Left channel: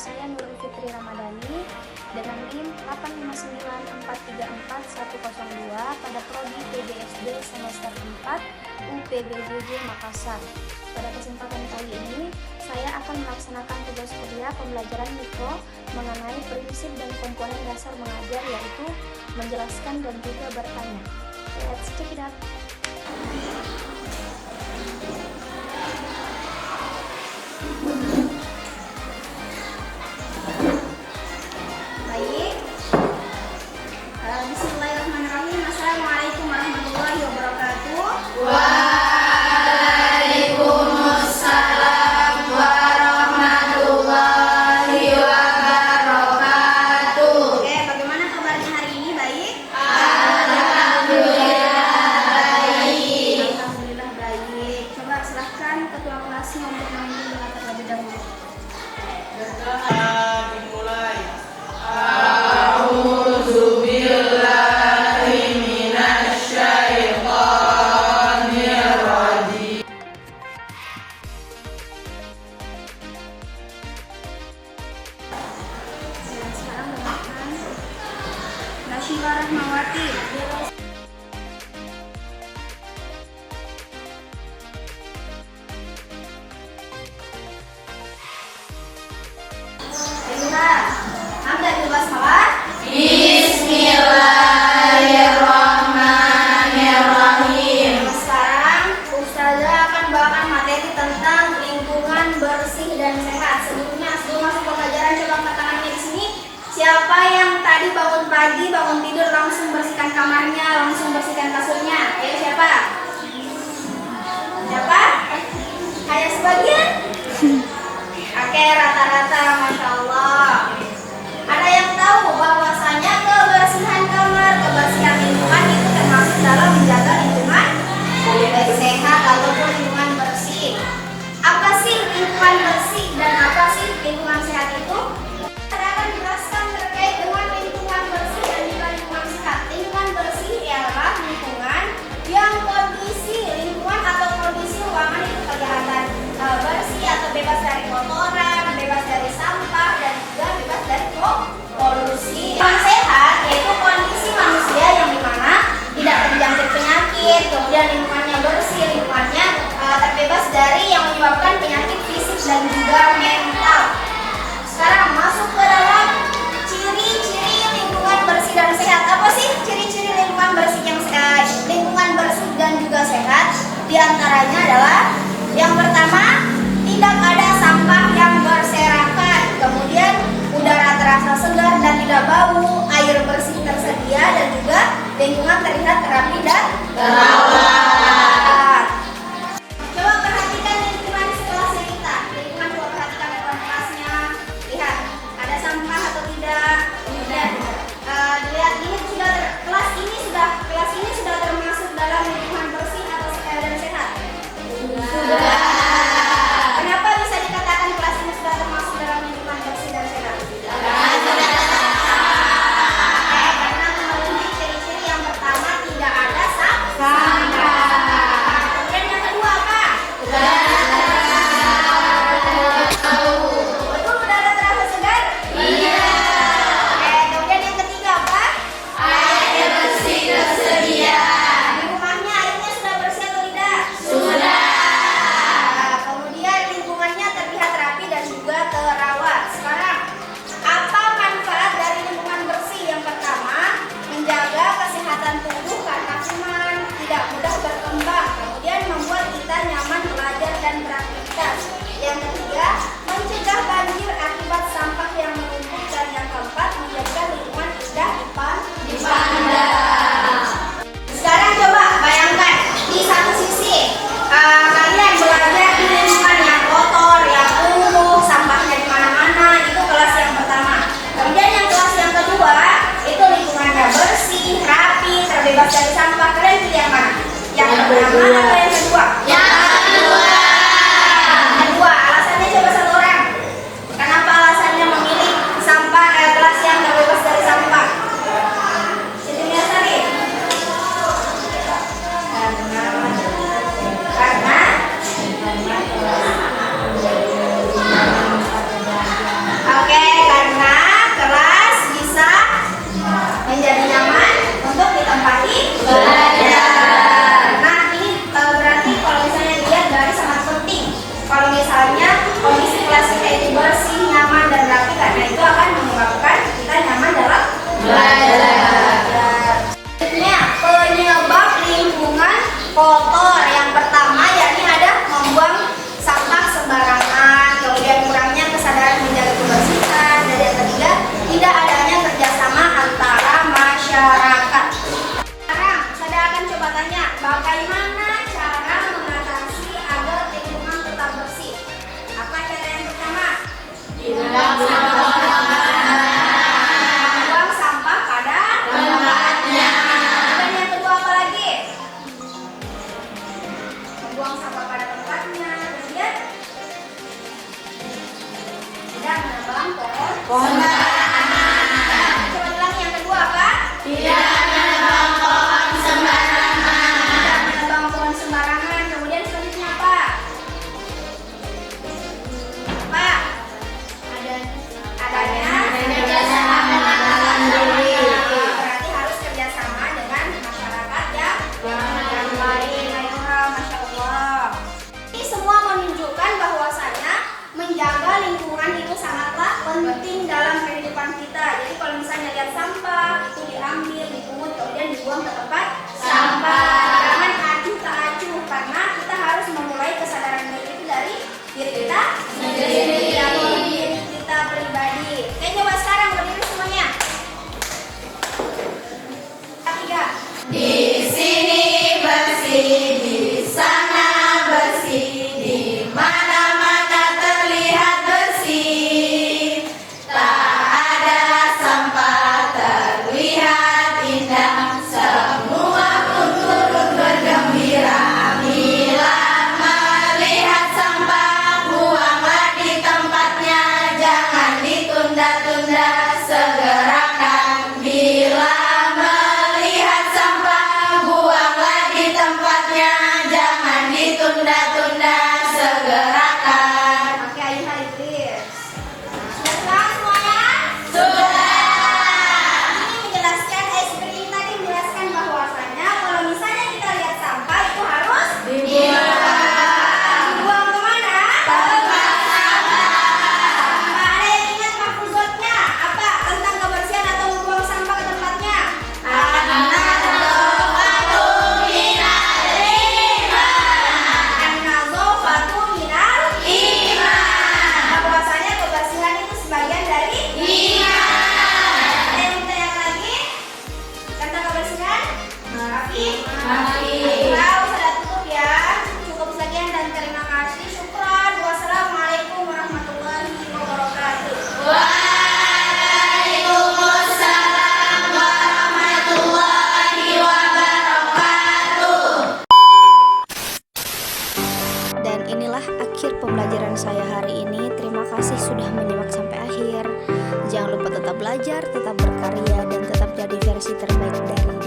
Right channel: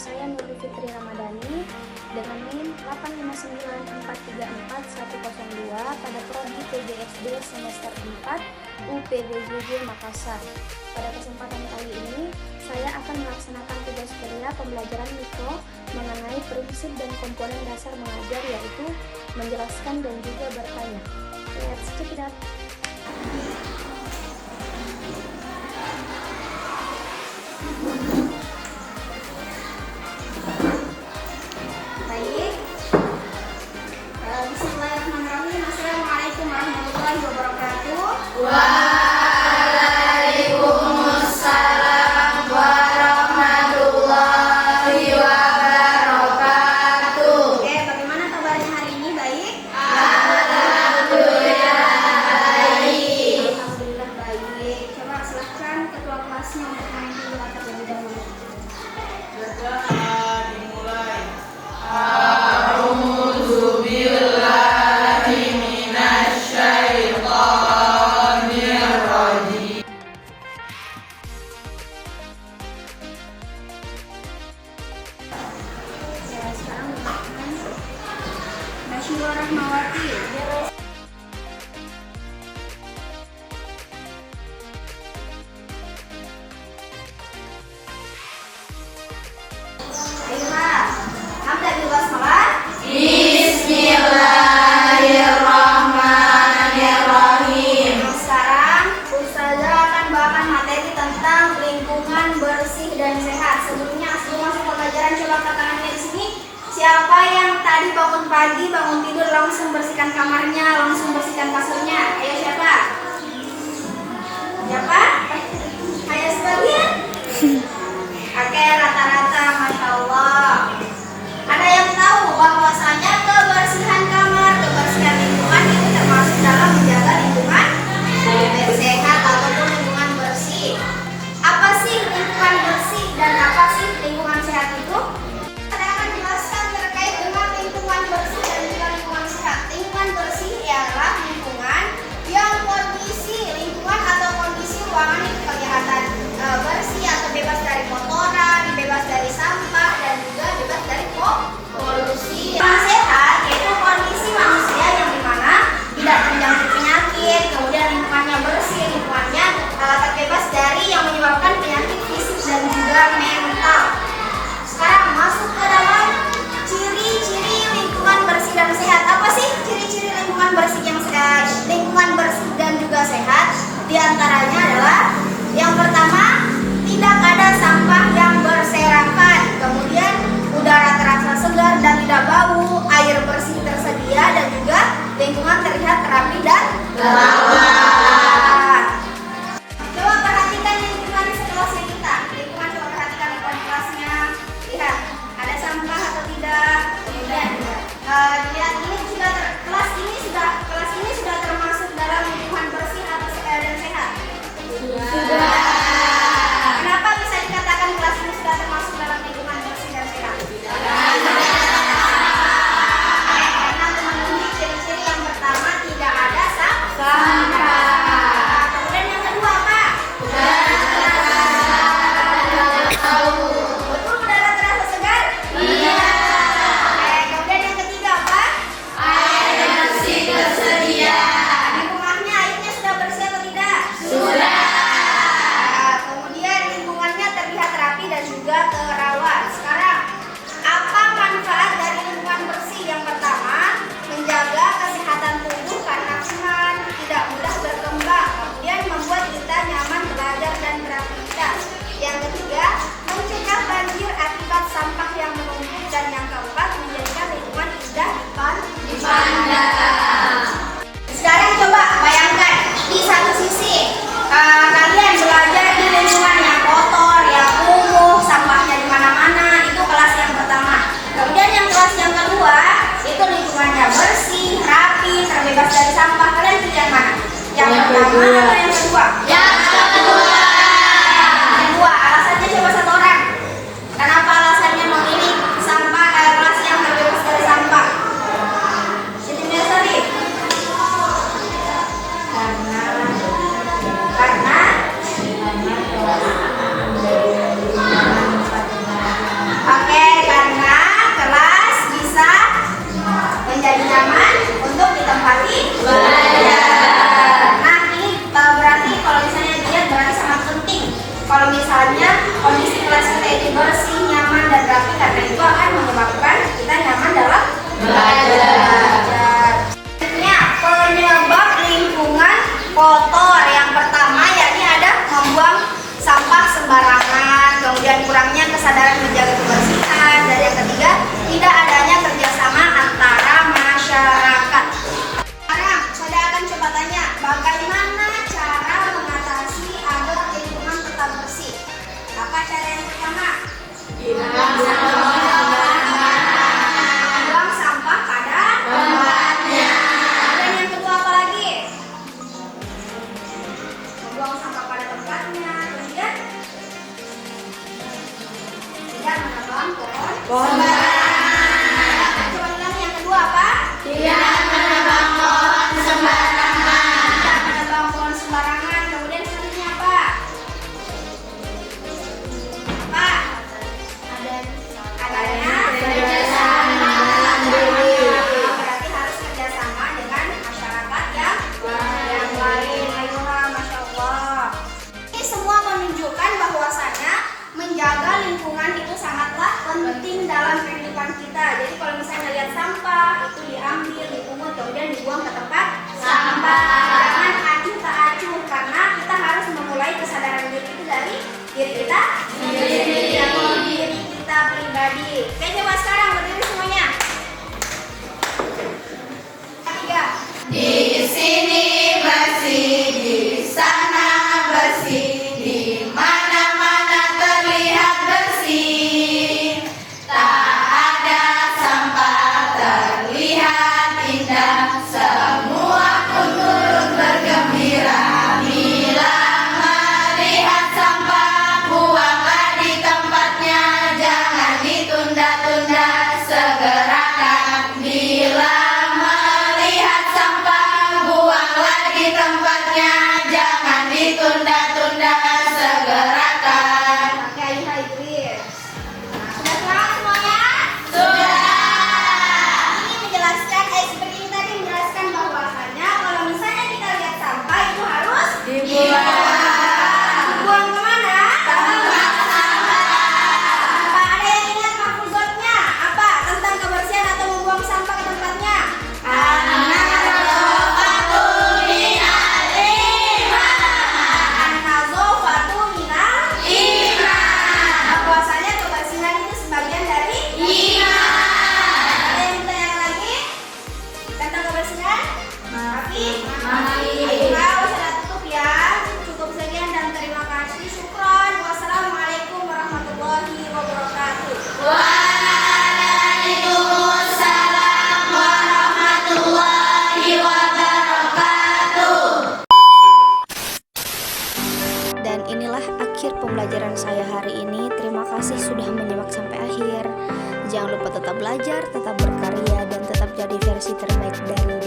saya Nurul Fitri Ramadhani dengan NIM 859434102 pada prodi PGSD semester 4 UPBJJ Makassar. Pada kesempatan kali ini, saya akan melaksanakan tugas kuliah pembelajaran mikro mengenai prinsip dan komponen dasar mengajar, yaitu menjelaskan dan juga bertanya. Let's check it out. Baik, bismillahirrahmanirrahim. Assalamualaikum warahmatullahi wabarakatuh. Waalaikumsalam warahmatullahi wabarakatuh. Oke, bagaimana kabarnya hari ini? Baik? Alhamdulillah baik. Alhamdulillah baik. Coba silahkan ketua kelasnya untuk memimpin doa terlebih dahulu. Dimulai. A'udzubillahi minasyaitonir rajim. Ya, sekarang dengarkan Nasyirah Rahmawati. Ayolah, anda juga salat. Bismillahirrahmanirrahim. Sekarang Ustazah akan bawakan materi tentang lingkungan bersih dan sehat. Sebelum masuk pembelajaran, coba angkat tangannya di sini. Siapa yang tadi bangun pagi, bangun tidur langsung bersihkan kamarnya, langsung bersihkan kasurnya? Ayo siapa? Siapa? Hanya sebagian? Oke, rata-rata, masya Allah. Ada yang tahu bahwasanya kebersihan kamar, kebersihan lingkungan itu termasuk dalam menjaga lingkungan sehat ataupun lingkungan bersih. Apa sih lingkungan bersih dan apa sih lingkungan sehat itu? Saya akan jelaskan terkait dengan lingkungan bersih dan juga lingkungan sehat. Lingkungan bersih ialah lingkungan yang kondisi lingkungan atau kondisi ruangan itu kelihatan bersih atau bebas dari kotoran, bebas dari sampah dan juga bebas dari polusi. Lingkungan sehat yaitu kondisi manusia yang dimana tidak terjangkit penyakit, kemudian lingkungannya bersih, lingkungannya terbebas dari yang menyebabkan penyakit fisik dan juga mental. Sekarang masuk ke dalam ciri-ciri lingkungan bersih dan sehat. Apa sih ciri-ciri lingkungan bersih lingkungan bersih dan juga sehat? Di antaranya adalah yang pertama, tidak ada sampah yang berserakan. Kemudian udara terasa segar dan tidak bau, air bersih tersedia dan juga lingkungan terlihat rapi dan terawat. Coba perhatikan lingkungan di sekelasnya kita. Lingkungan coba perhatikan lingkungan kelasnya. Lihat, ada sampah atau tidak. Kemudian lihat kelas ini sudah termasuk dalam lingkungan bersih atau dan sehat. Sudah. Kenapa bisa dikatakan kelas ini sudah termasuk dalam lingkungan bersih dan sehat? Karena memenuhi ciri-ciri yang pertama, tidak ada sampah. Kemudian yang kedua apa? Betul, udara terasa segar? Iya. Kemudian yang ketiga apa? Air bersih tersedia. Di rumahnya airnya sudah bersih atau tidak? Sudah. Kemudian lingkungannya terlihat rapi dan juga terawat. Sekarang, apa manfaat dari lingkungan bersih? Yang pertama, menjaga kesehatan tubuh karena kuman, tidak mudah berkembang. Kemudian membuat kita nyaman belajar dan beraktivitas. Yang ketiga, mencegah banjir akibat sampah yang menumpuk. Dan yang keempat, menjadikan lingkungan indah dipandang. Sekarang coba bayangkan di satu sisi kalian belajar di lingkungan yang kotor, yang kumuh, sampahnya di mana-mana, itu kelas yang pertama. Kemudian yang kelas yang kedua itu lingkungannya bersih, rapi, terbebas dari sampah. Kalian pilih yang mana? Yang pertama atau yang kedua? Yang kedua. Kedua. Alasannya coba satu orang. Kenapa alasannya memilih kelas yang terbebas dari sampah? Sini biasa nih. Karena oke, pembelajaran saya hari ini. Terima kasih sudah menyimak sampai akhir. Jangan lupa tetap belajar, tetap berkarya, dan tetap jadi versi terbaik dari